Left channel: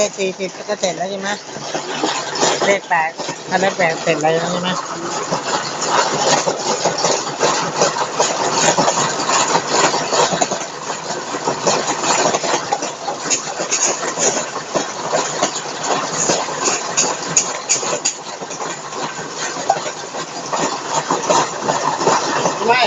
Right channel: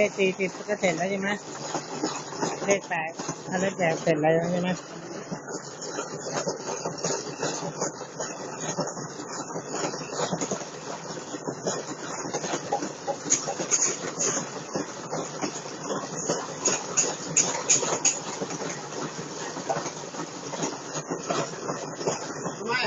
เลขสี่สิบก็เสร็จแล้วใช่ไหมเลขแปดถ้าเลขแปดเสร็จแล้วใช่ไหมไม่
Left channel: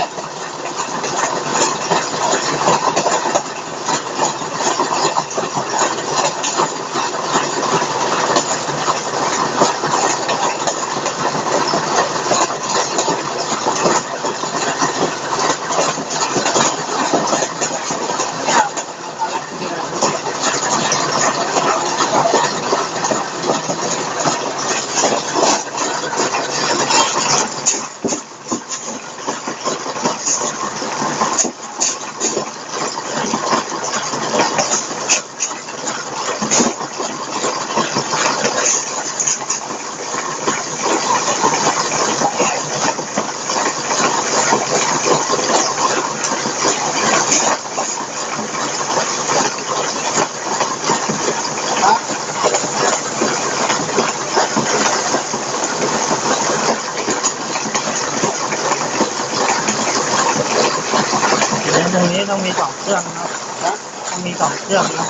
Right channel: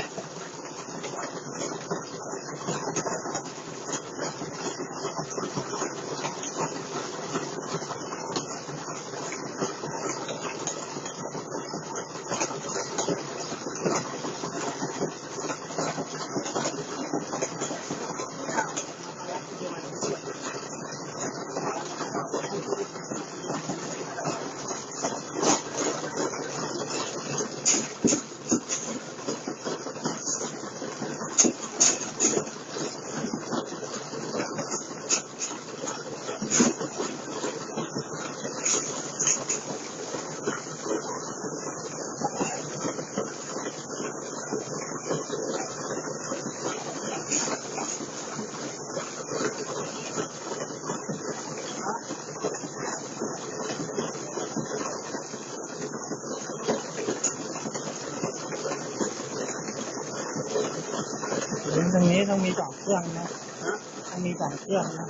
นี้ต้องมีสองเครื่องนะต้องมีสองเครื่องนะ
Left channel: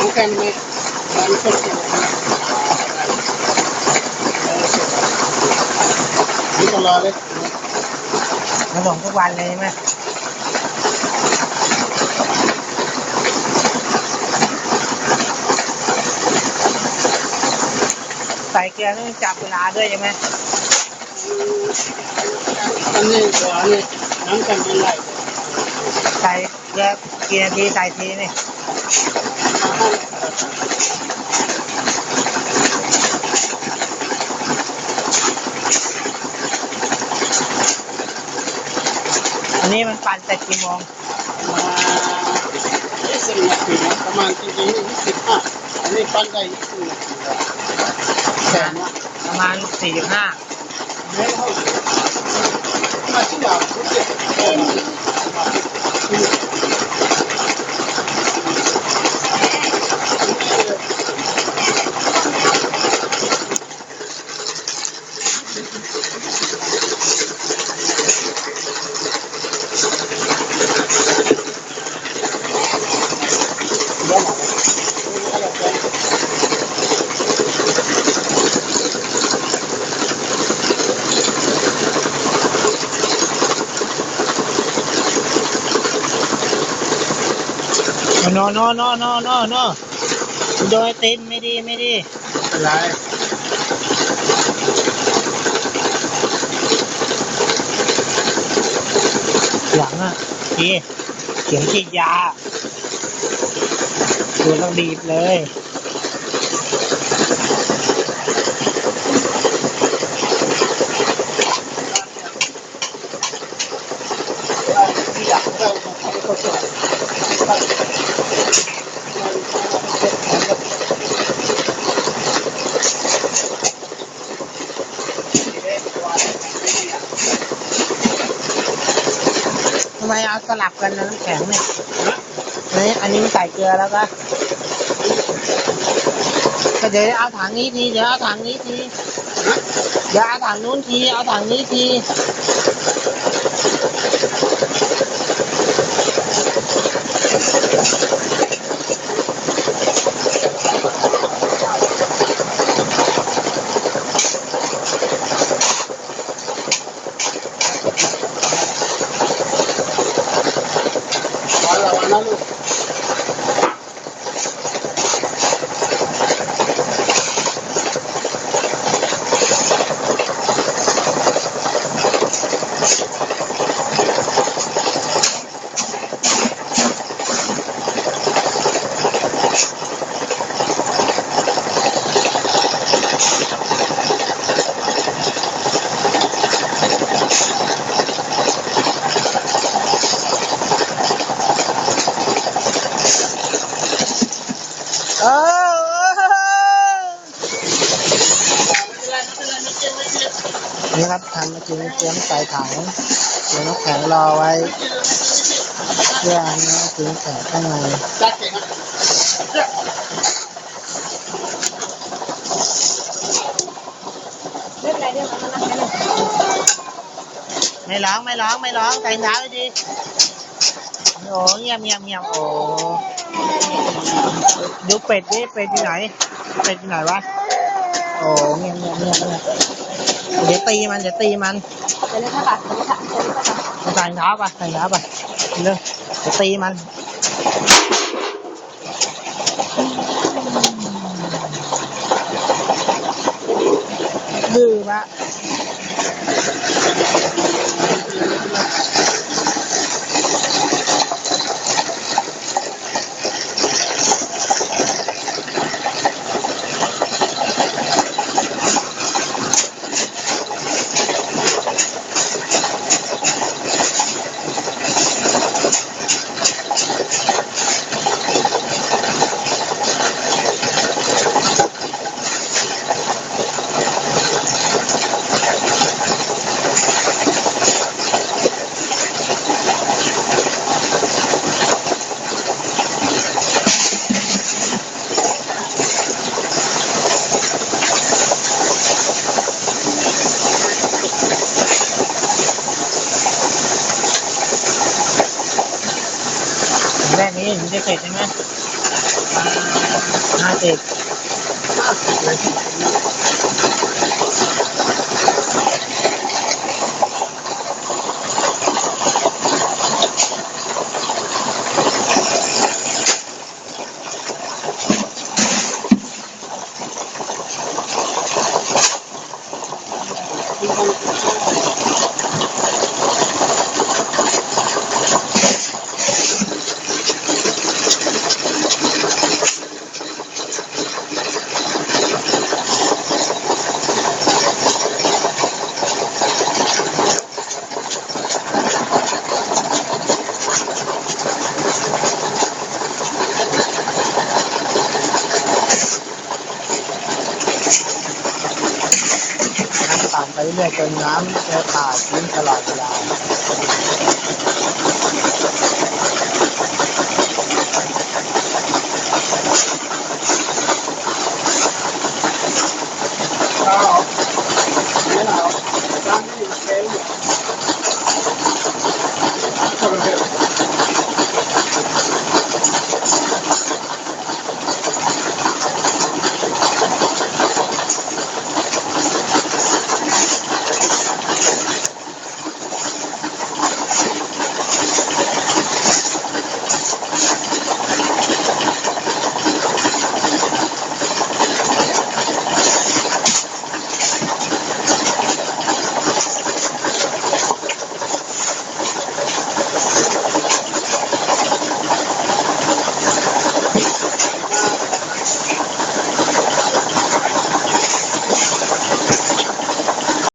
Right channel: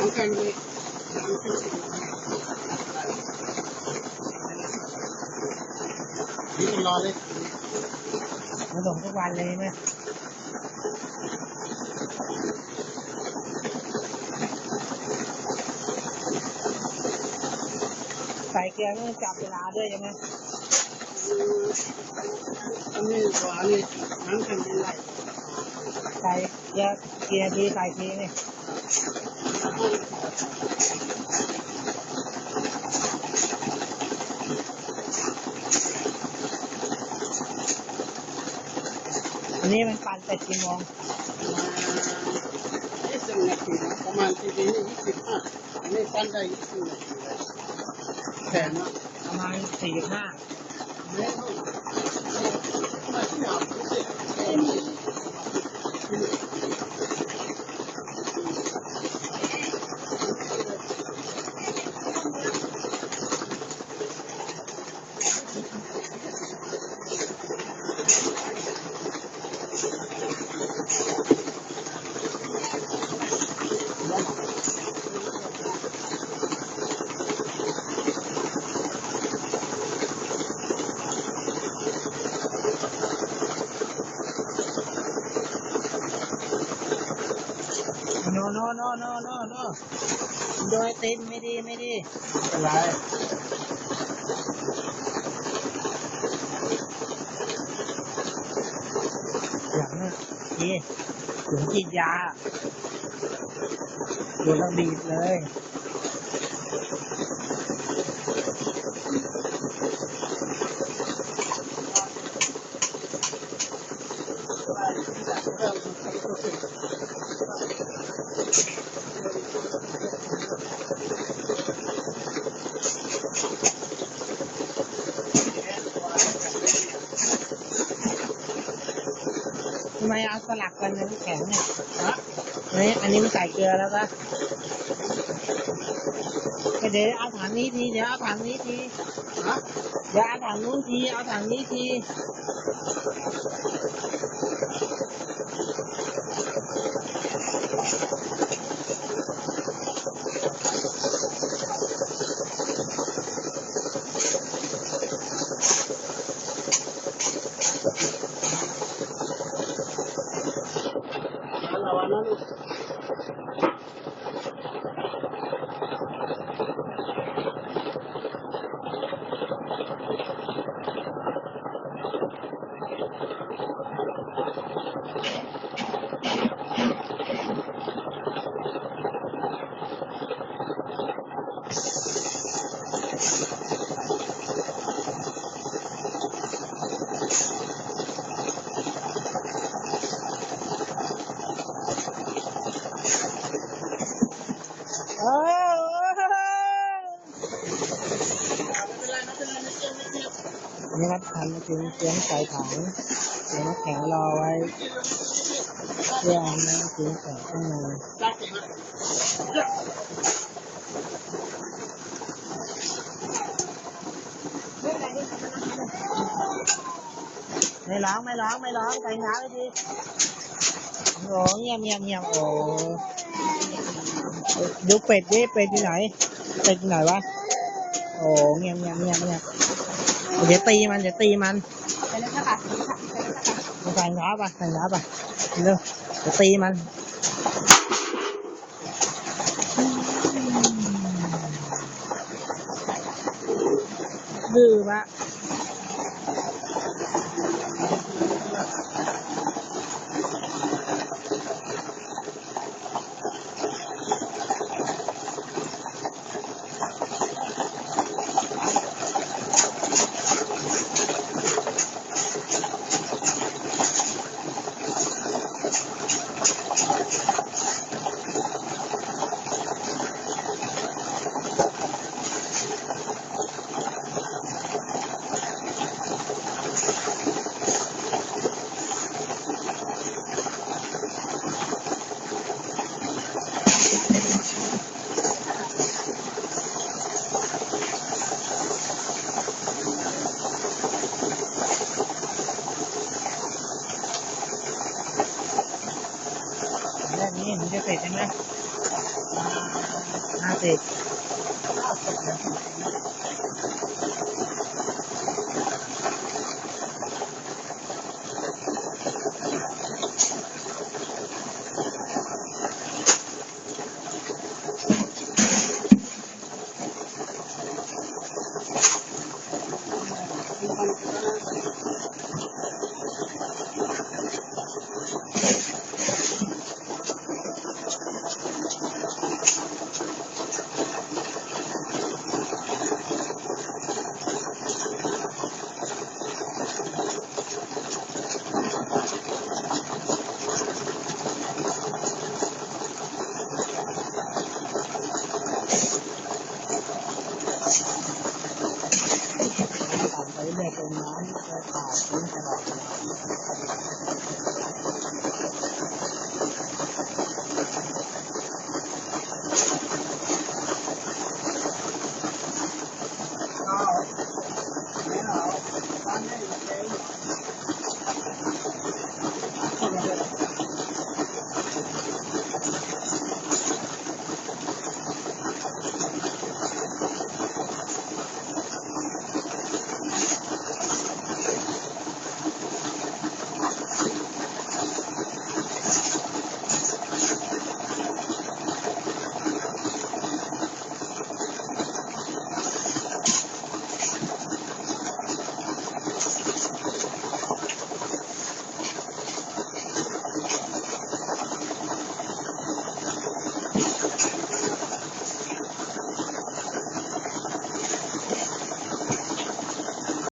มันแค่นี้มันก็เสร็จนี่ก็รอเลยมาส่งทุกวันเลยใช่ไหมใส่เกลือต้องจับเวลาด้วยใช่ไหมอันนี้กว่านี่น้ำกันมันไหลใส่เกลือกี่นาทีใส่ทีนี่ อันนี้มันปั่นแต่กี่โมงมายี่สิบนาทีนะประมาณจริงๆยี่สิบห้าอันนี้ปั้นได้ยี่สิบนาทีแล้วแสนนะประมาณสี่สิบห้าเดี๋ยวเขามาที่หลังเขา เก็บเองโนโนนโนโนโนโดยตินไม่ดีไม่ดีอะไรหลังอะดีเขียนฉีดยา ดูต้องบีบเลยทำไมเอาสลับกันนะน้ำแข็งเนี่ย นี่อันนี้ไม่ใส่เกลือแล้วก็เดี๋ยวเอาถังนี้ที เดี๋ยวเอาถังนี้ที เดี๋ยวเอาถังนู้นที เอาถังนี้ที ครับทำมาจริงเตรียมใส่ถังเตรียมน้ำแข็งรอไว้ เพื่อให้น้ำจริงแข็งข้างในจัดเก่งนะเล่นอะไรเนี่ยมันนั่งไม่ร้องไม่ร้องไม่ร้องแต่งเท้าไว้ดีโอ้เงียบเงียบเงียบโอ้ดูเป็ดดิเป็ดอยู่ไหน เป็ดอยู่ไหนวะโอ้เงียบเงียบเงียบเงียบ เดี๋ยวตีมันเดี๋ยวตีมันไปเลยค่ะไปเลยค่ะไปเลยค่ะใส่เท้าไปใส่เท้าไปเร็วจะตีมันดื้อปะ เสร็จใช่ไหมห้าสิบ ไปเป็นน้ำจะขาดทิ้งตลอดเวลา